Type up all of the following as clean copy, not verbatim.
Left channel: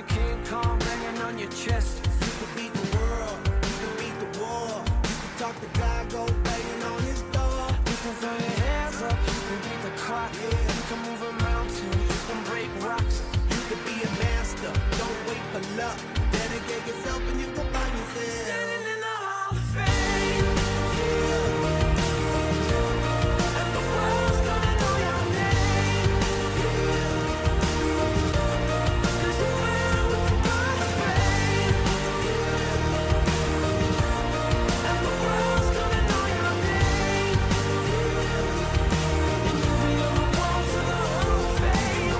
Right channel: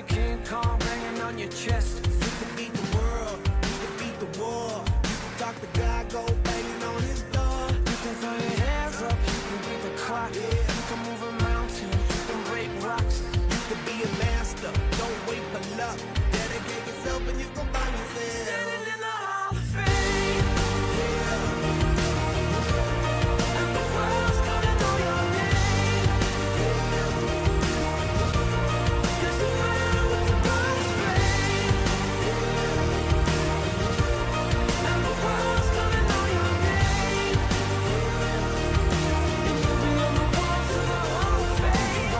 a King Kong banging on your chest. You could beat the world, you could beat the war. You can talk to God, go banging on his door. You can throw your hands up, you can beat the clock. You can move a mountain, you can break rocks. You could be a master, don't wait for luck. Dedicate yourself and you can find yourself. Standing in the Hall of Fame. Yeah. And the world's gonna know your name. Yeah. 'Cause you're man with the brightest flame. Yeah. And the world's gonna know your name. Yeah. And you'll be on the walls of the Hall of Fame.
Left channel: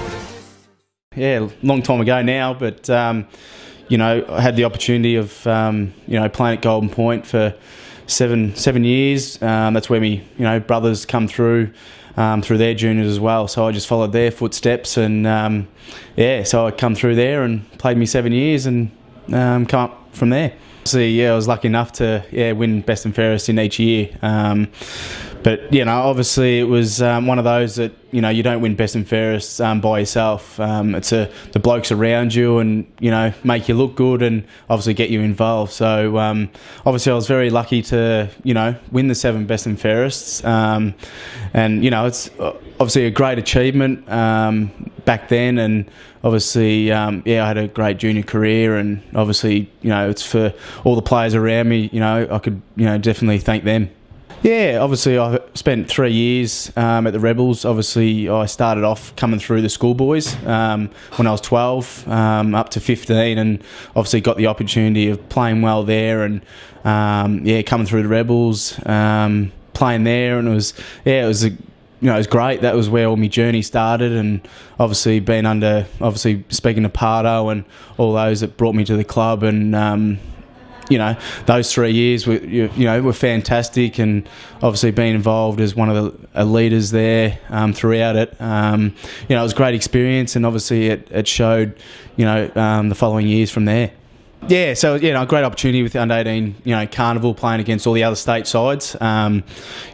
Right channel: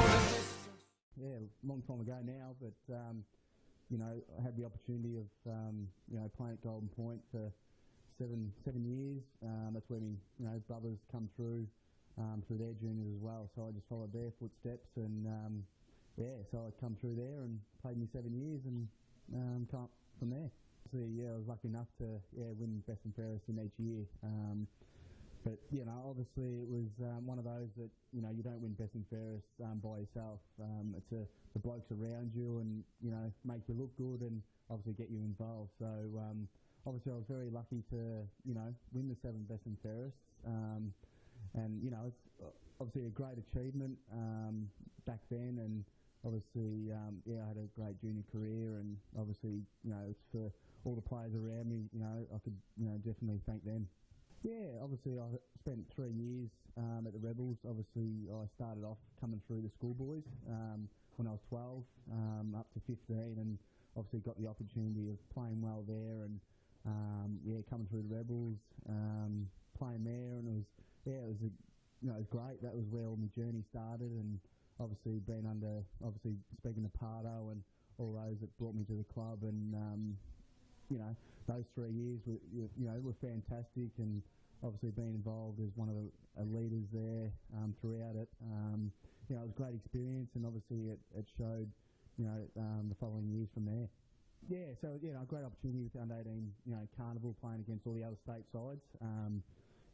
Yeah, long time ago now, but you know, I had the opportunity of you know, playing at Golden Point for seven years. That's where me brothers come through their juniors as well. So I just followed their footsteps, and yeah, so I come through there and played me 7 years, and come up from there. So yeah, I was lucky enough to win best and fairest in each year. But you know, obviously it was one of those that you don't win best and fairest by yourself. It's the blokes around you, and make you look good, and obviously get you involved. So obviously I was very lucky to win the 7 best and fairests, and it's obviously a great achievement back then, and obviously I had a great junior career, and obviously it's for all the players around me. I could definitely thank them. Yeah, obviously I spent 3 years at the Rebels. Obviously I started off coming through the schoolboys when I was 12 up to 15, and obviously got the opportunity of playing well there, and coming through the Rebels, playing there, and it was great. That was where all my journey started, and obviously speaking to Pardo and all those that brought me to the club, and those 3 years were fantastic, and obviously being involved as one of the leaders there throughout it, it was a great experience, and obviously it showed, the following years from there. Yeah, so a great opportunity with the under-18, carnival, playing against all the other state sides. It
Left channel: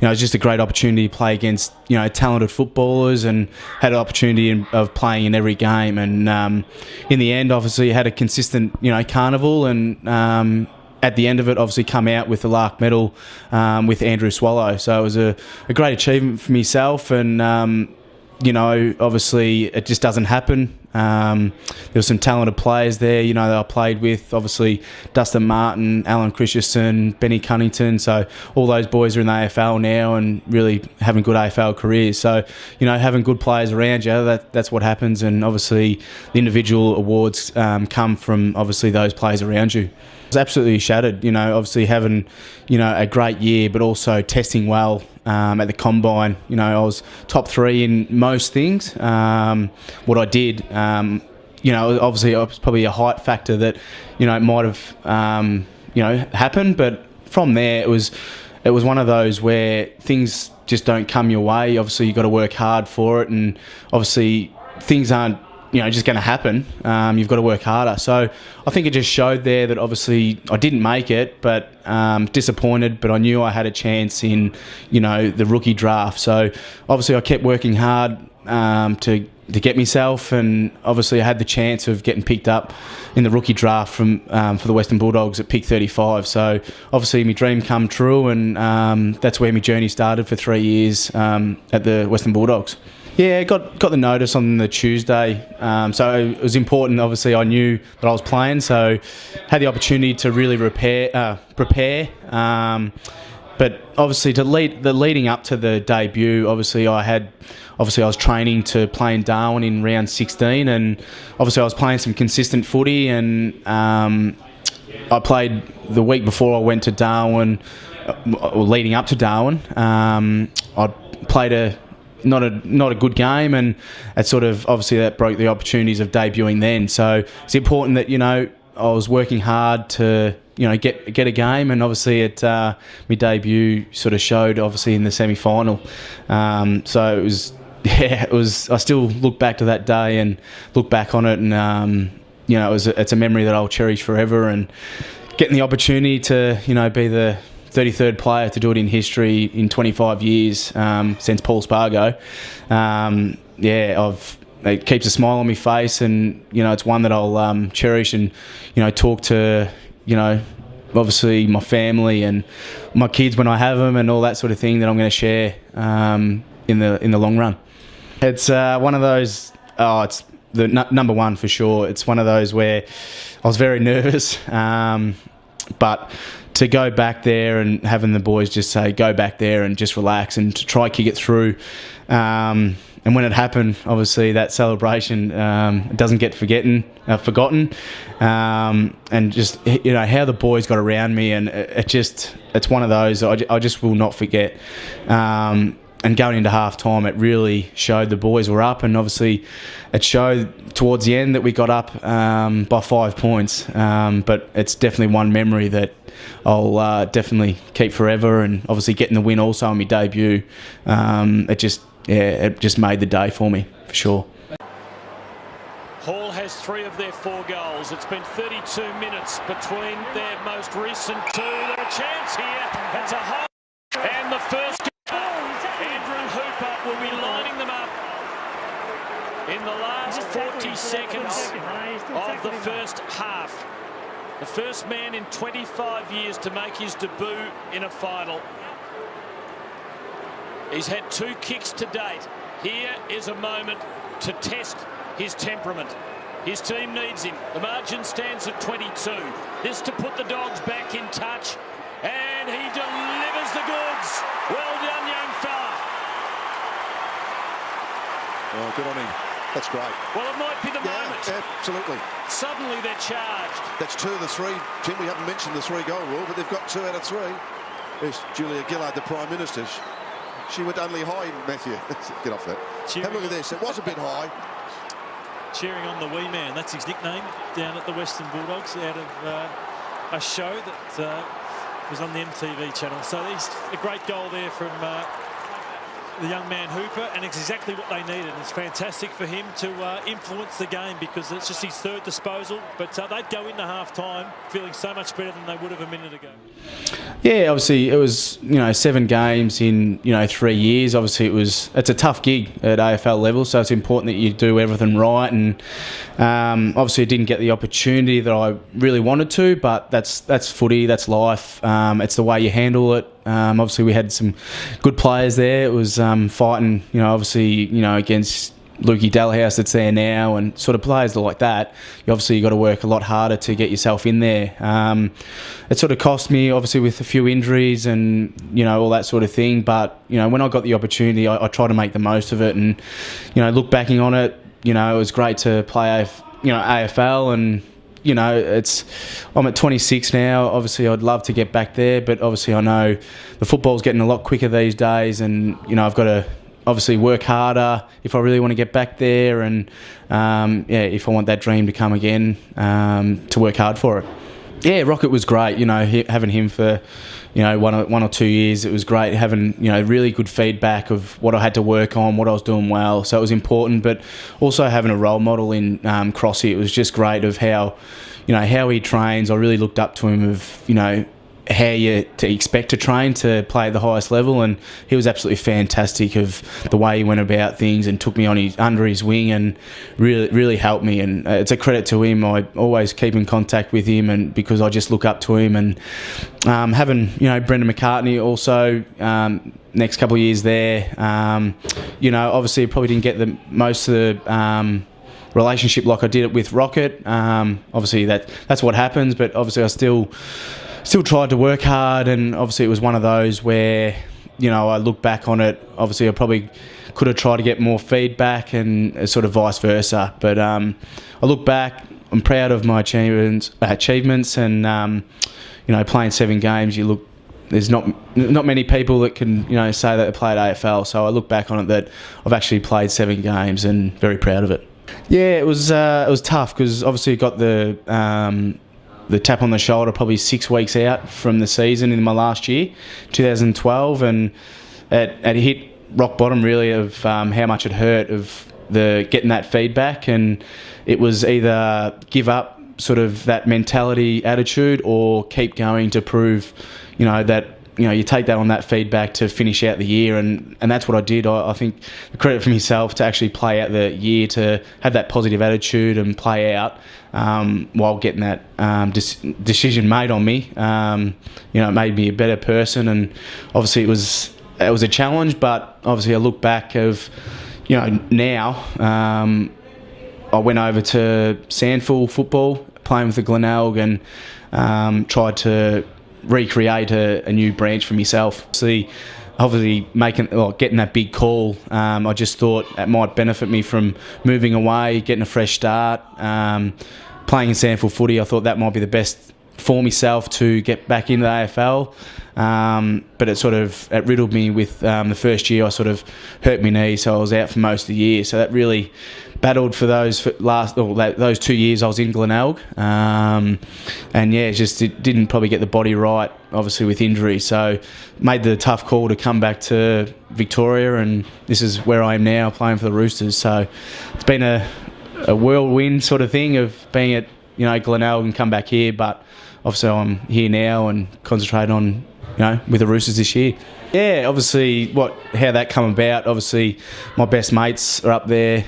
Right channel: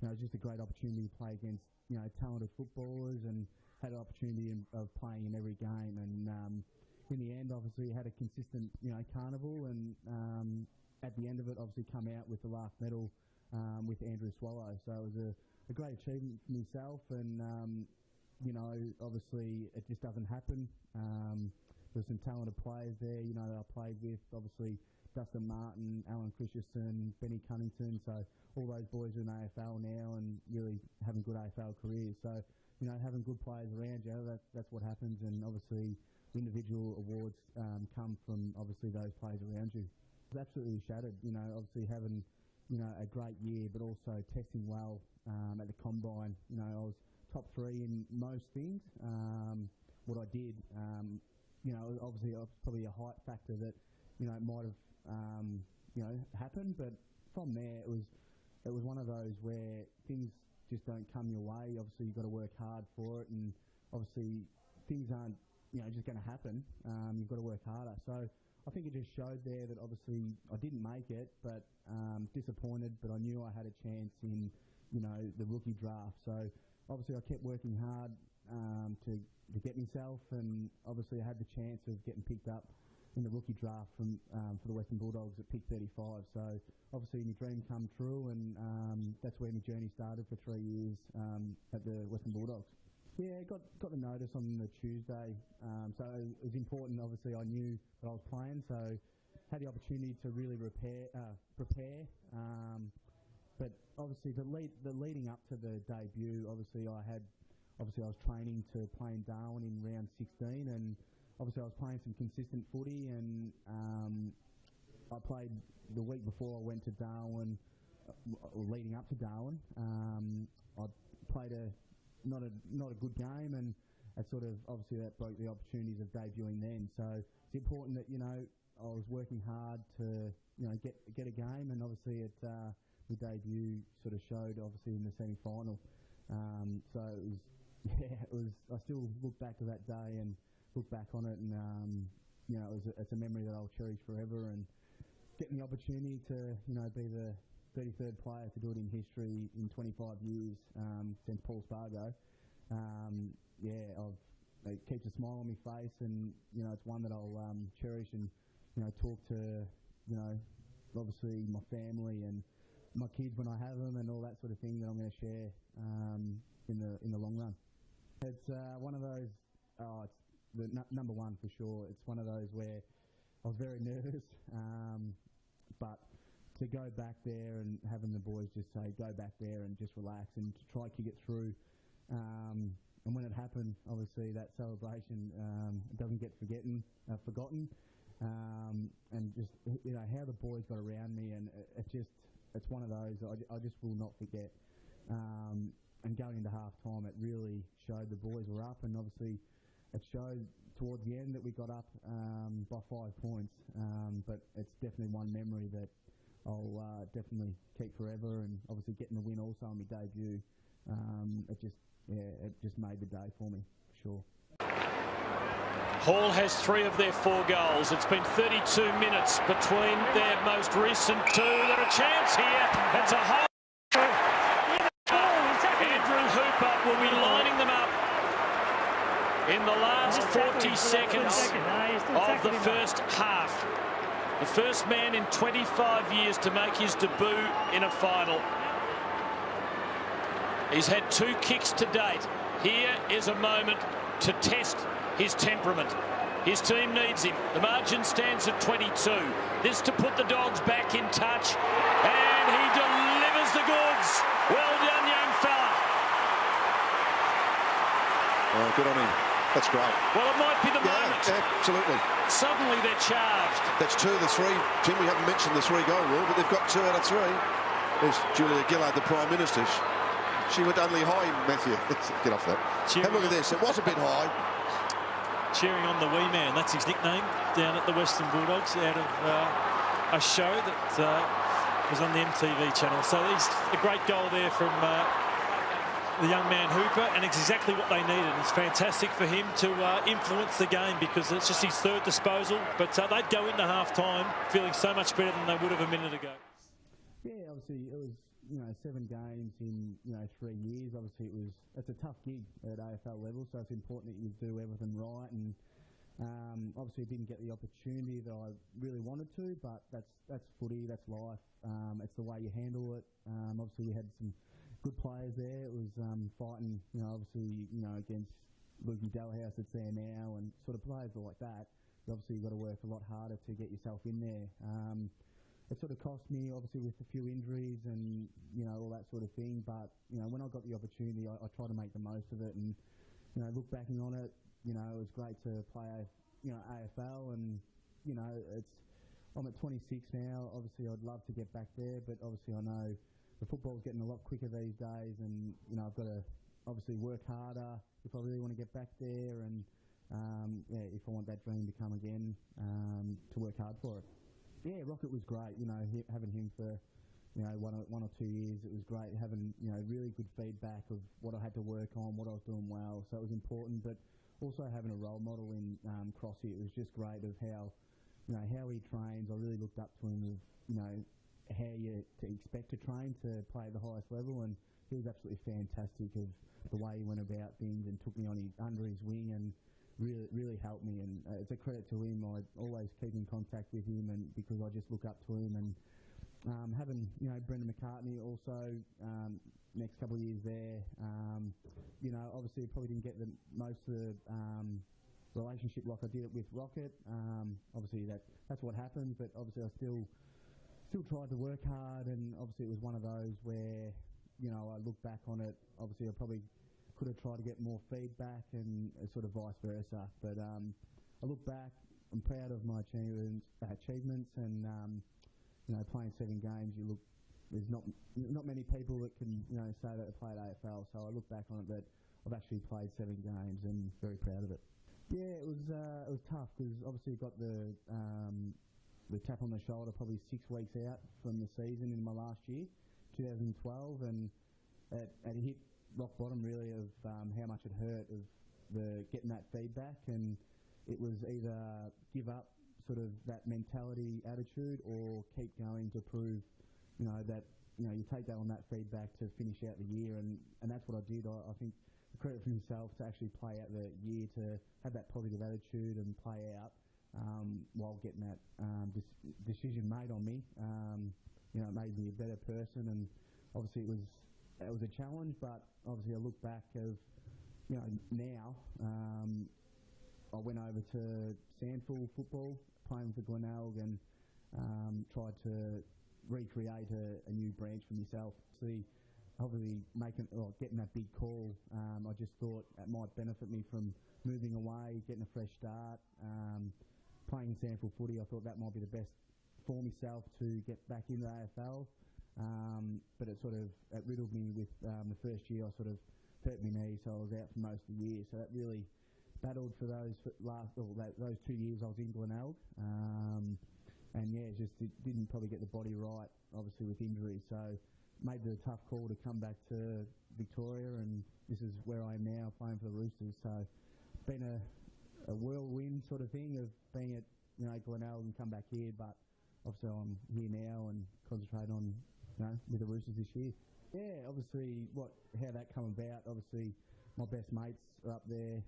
was just a great opportunity to play against talented footballers, and had an opportunity of playing in every game. And in the end, obviously, had a consistent carnival, and at the end of it, obviously come out with the Lark medal with Andrew Swallow. So it was a great achievement for myself, and obviously it just doesn't happen. There were some talented players there, that I played with. Obviously, Dustin Martin, Alan Christensen, Benny Cunnington. So all those boys are in the AFL now, and really having good AFL careers. So, having good players around you, that's what happens. And obviously, the individual awards come from obviously those players around you. I was absolutely shattered, obviously having, a great year, but also testing well at the combine. I was top 3 in most things. What I did, obviously it was probably a height factor that, it might have, happened. But from there, it was one of those where things just don't come your way. Obviously, you've got to work hard for it, and obviously things aren't just going to happen. You've got to work harder. So I think it just showed there that obviously I didn't make it, but disappointed, but I knew I had a chance in, the rookie draft. So obviously I kept working hard to get myself, and obviously I had the chance of getting picked up in the rookie draft for the Western Bulldogs at pick 35. So obviously my dream come true, and that's where my journey started for 3 years at the Western Bulldogs. Yeah, got the notice on the Tuesday, so it was important. Obviously, I knew that I was playing, so had the opportunity to really prepare. But obviously, leading up to the debut, obviously I was training to play in Darwin in round 16, and obviously I was playing some consistent footy, and I played the week before I went to Darwin, or leading up to Darwin. I played not a good game, and it sort of obviously that broke the opportunities of debuting then. So it's important that I was working hard to get a game, and obviously my debut sort of showed obviously in the semi-final. So it was I still look back to that day and look back on it, and it's a memory that I'll cherish forever, and getting the opportunity to be the 33rd player to do it in history in 25 years since Paul Spargo. it keeps a smile on my face, and it's one that I'll cherish and talk to obviously my family and my kids when I have them, and all that sort of thing that I'm going to share in the long run. It's one of those. Oh, it's the number one for sure. It's one of those where I was very nervous, but to go back there and having the boys just say, go back there and just relax and to try kick it through. And when it happened, obviously that celebration doesn't get forgotten. And just how the boys got around me, and it's one of those I just will not forget. And going into half time, it really showed the boys were up, and obviously it showed towards the end that we got up by 5 points. But it's definitely one memory that I'll definitely keep forever, and obviously getting the win also on my debut, it just made the day for me, for sure. Hall has 3 of their 4 goals. It's been 32 minutes between their most recent 2. There's a chance here. It's a hole. And the first Andrew Hooper will be lining them up in the last 40 seconds of the first half. The first man in 25 years to make his debut in a final. He's had 2 kicks to date. Here is a moment to test his temperament. His team needs him. The margin stands at 22. This to put the Dogs back in touch. And he delivers the goods. Well done, young fella. Oh, good on him. That's great. Well, it might be the moment. Absolutely. Suddenly they're charged. That's 2 of the 3. Tim, we haven't mentioned the 3-goal rule, but they've got 2 out of 3. There's Julia Gillard, the Prime Minister. She went only high, Matthew. Get off that. Have a look at this. It was a bit high. Cheering on the wee man. That's his nickname down at the Western Bulldogs, out of a show that was on the MTV channel. So there's a great goal there from the young man Hooper, and it's exactly what they needed. It's fantastic for him to influence the game, because it's just his 3rd disposal, but they'd go into half-time feeling so much better than they would have a minute ago. Yeah, obviously it was 7 games in 3 years. Obviously it's a tough gig at AFL level, so it's important that you do everything right. And obviously I didn't get the opportunity that I really wanted to, but that's footy, that's life. It's the way you handle it. Obviously we had some good players there. It was fighting, obviously against Lukey Dalhouse that's there now, and sort of players like that. You got to work a lot harder to get yourself in there. It sort of cost me, obviously, with a few injuries and all that sort of thing. But when I got the opportunity, I tried to make the most of it. And look backing on it, it was great to play AFL, and I'm at 26 now. Obviously, I'd love to get back there, but obviously I know the football's getting a lot quicker these days, and I've got to obviously work harder if I really want to get back there, and if I want that dream to come again, to work hard for it. Yeah, Rocket was great. Having him for 1 or 2 years, it was great having really good feedback of what I had to work on, what I was doing well. So it was important, but also having a role model in Crossy. It was just great of how he trains. I really looked up to him of how you to expect to train to play at the highest level, and he was absolutely fantastic of the way he went about things and took me on under his wing and really helped me. And it's a credit to him. I always keep in contact with him, and because I just look up to him. And having Brendan McCartney also next couple of years there, obviously probably didn't get the most of the relationship like I did with Rocket. Obviously that's what happens, but obviously I still tried to work hard, and obviously it was one of those where, I look back on it, obviously I probably could have tried to get more feedback, and sort of vice versa. But I look back, I'm proud of my achievements, and playing 7 games, there's not many people that can say that they played AFL. So I look back on it that I've actually played 7 games, and very proud of it. Yeah, it was tough, because obviously I got the tap on the shoulder probably 6 weeks out from the season in my last year, 2012, and it hit rock bottom really of how much it hurt of getting that feedback. And it was either give up sort of that mentality attitude, or keep going to prove that you take that on that feedback to finish out the year, and that's what I did. I think the credit for myself to actually play out the year, to have that positive attitude and play out while getting that decision made on me. It made me a better person, and obviously it was a challenge, but obviously I look back of, now I went over to Sandford football, playing with the Glenelg, and tried to recreate a new branch for myself. Obviously getting that big call, I just thought it might benefit me from moving away, getting a fresh start, playing in Sandford footy. I thought that might be the best for myself to get back into the AFL. But it riddled me with the first year. I sort of hurt my knee, so I was out for most of the year. So that really battled for those 2 years I was in Glenelg. It didn't probably get the body right, obviously with injury. So made the tough call to come back to Victoria, and this is where I am now, playing for the Roosters. So it's been a whirlwind sort of thing of being at Glenelg and come back here, but obviously I'm here now and concentrate on with the Roosters this year. Yeah, obviously how that come about. Obviously, my best mates are up there,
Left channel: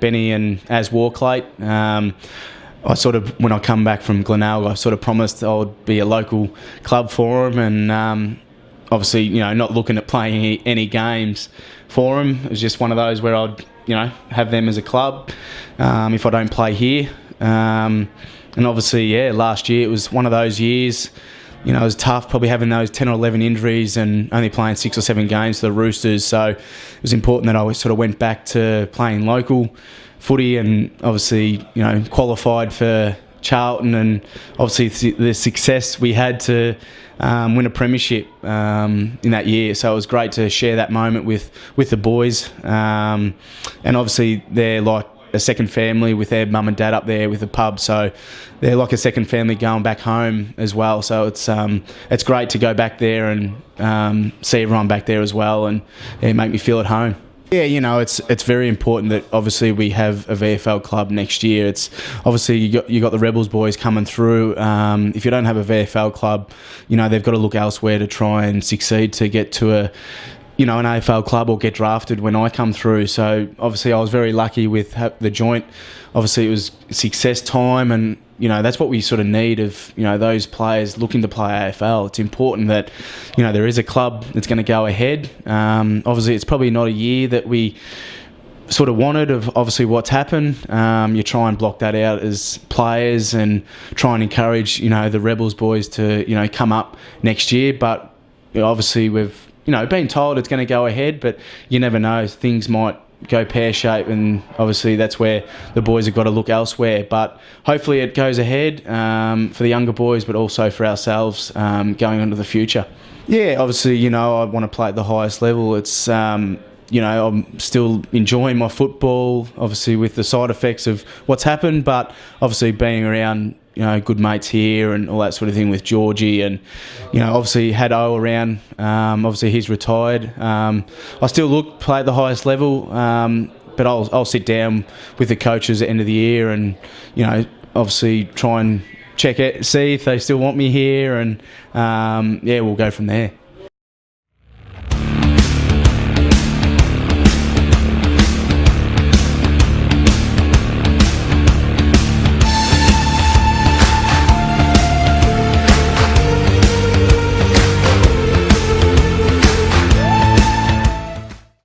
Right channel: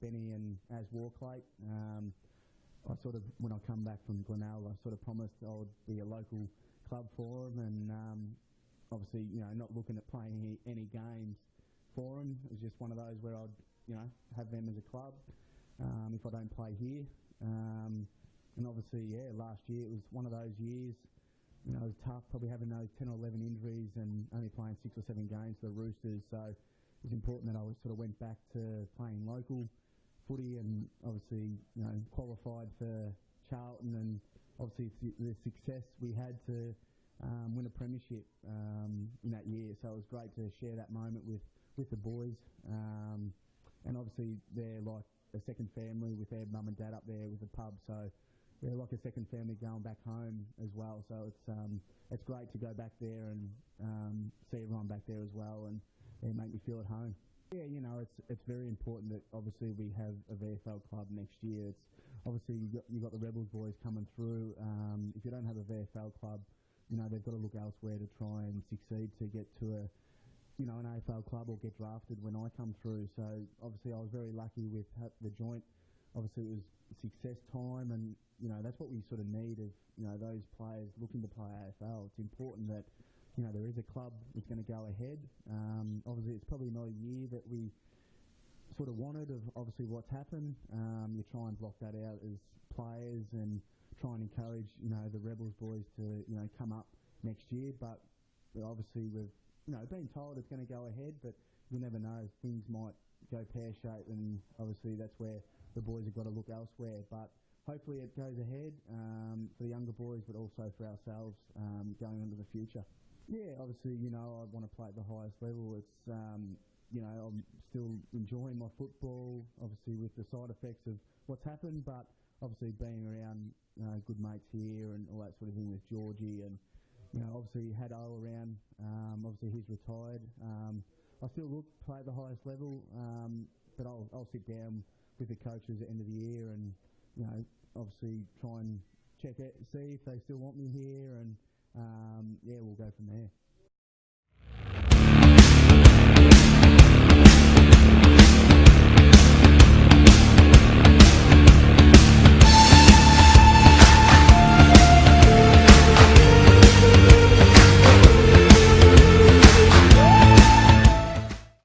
Benny and Az Warclate. I when I come back from Glenelg, I sort of promised I would be a local club for them, and obviously, not looking at playing any games for them. It was just one of those where I'd, have them as a club if I don't play here. And obviously, last year it was one of those years. It was tough, probably having those 10 or 11 injuries and only playing 6 or 7 games for the Roosters. So it was important that I sort of went back to playing local footy, and obviously, qualified for Charlton, and obviously the success we had to win a premiership in that year. So it was great to share that moment with the boys. And obviously they're like a second family with their mum and dad up there with the pub, so they're like a second family going back home as well. So it's great to go back there and see everyone back there as well, and make me feel at home. Yeah, it's very important that obviously we have a VFL club next year. It's obviously you got the Rebels boys coming through. If you don't have a VFL club, they've got to look elsewhere to try and succeed to get to an AFL club or get drafted when I come through. So obviously I was very lucky with the joint. Obviously it was success time, and that's what we sort of need of those players looking to play AFL. It's important that there is a club that's going to go ahead. Obviously it's probably not a year that we sort of wanted of obviously what's happened. You try and block that out as players and try and encourage the Rebels boys to come up next year. But obviously we've been told it's going to go ahead, but you never know. Things might go pear-shaped, and obviously that's where the boys have got to look elsewhere. But hopefully it goes ahead for the younger boys, but also for ourselves going into the future. Yeah, obviously, I want to play at the highest level. It's, I'm still enjoying my football, obviously with the side effects of what's happened, but obviously being around good mates here and all that sort of thing with Georgie, and obviously had O around. Obviously he's retired. I still play at the highest level, but I'll sit down with the coaches at the end of the year and obviously try and check it, see if they still want me here, and we'll go from there.